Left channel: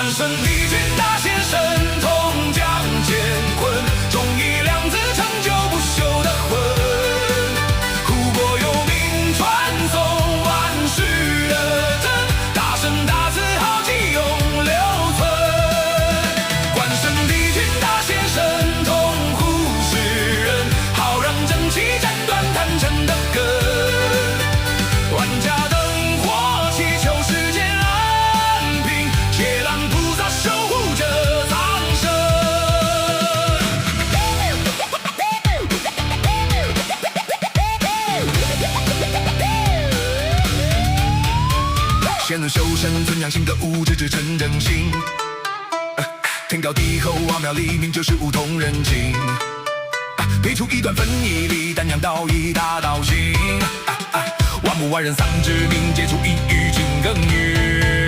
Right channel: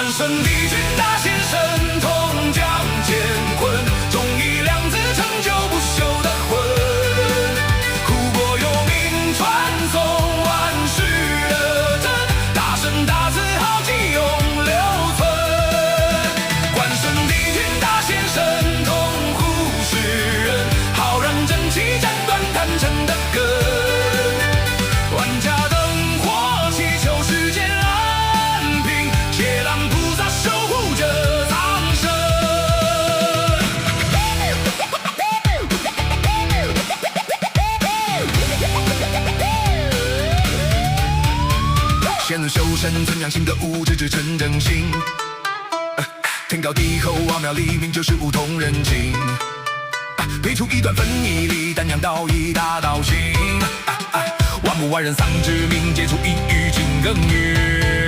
关圣帝君大显神通将乾坤，忠义两字成就不朽的魂。护国有名传颂万世的真，大圣大字豪气永留存。关圣帝君大显神通护世人，好让正气斩断贪嗔的根。万家灯火祈求世间安平，谢兰菩萨守护着苍生。仙人修身存养性德物，直至纯正心。天高地厚，瓦庙黎明，就是梧桐人情。配出一段分义理，丹阳道义大道行。万木万人丧之命，结出一语金耕耘。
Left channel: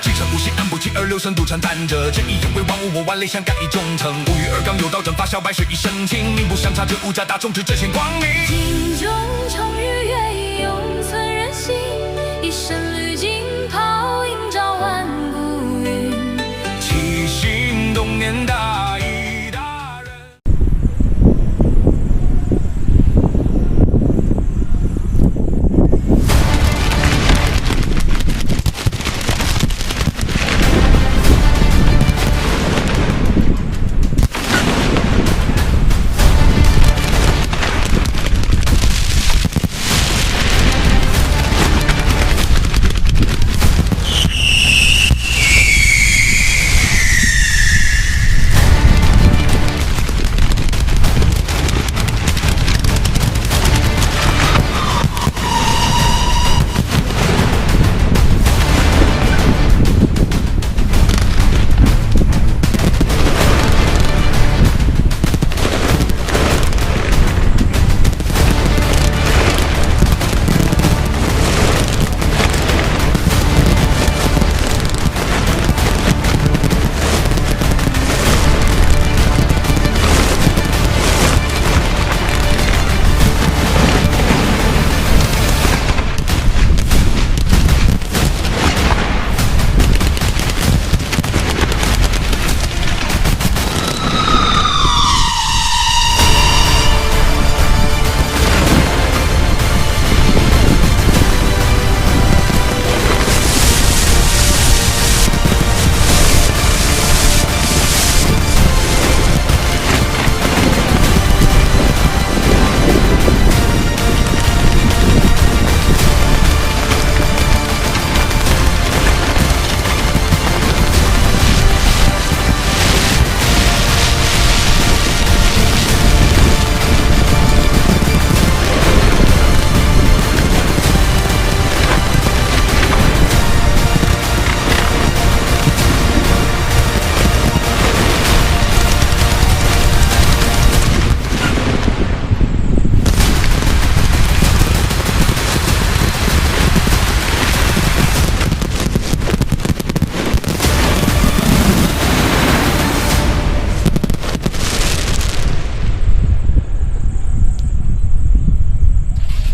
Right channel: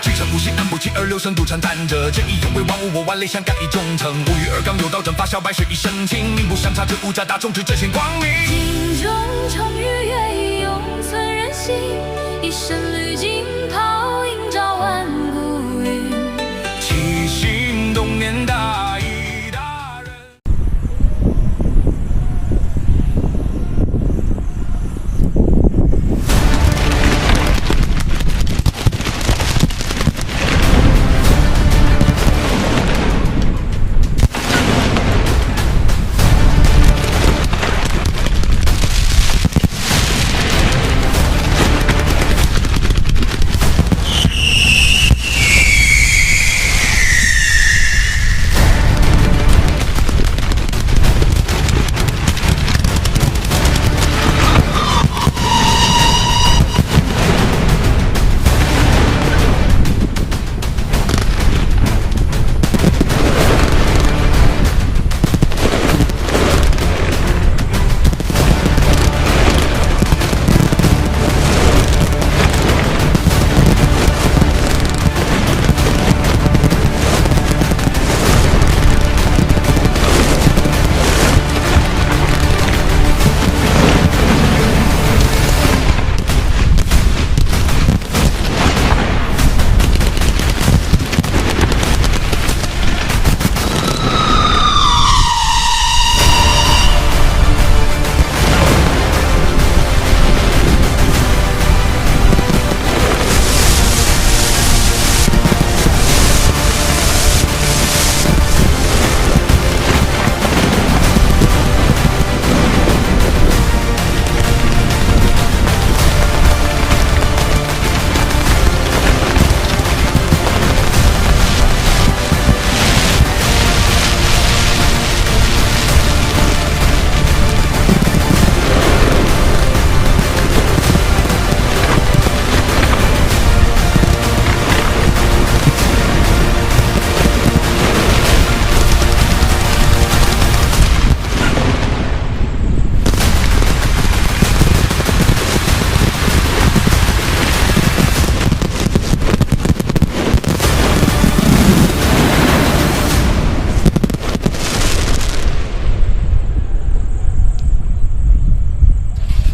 七成不息，安不弃，二六神独禅谈着正义，有为万物，我万类相感以忠诚。无欲而刚，有道正法，小白水一身轻，名不相差，这五家大众之正显光明。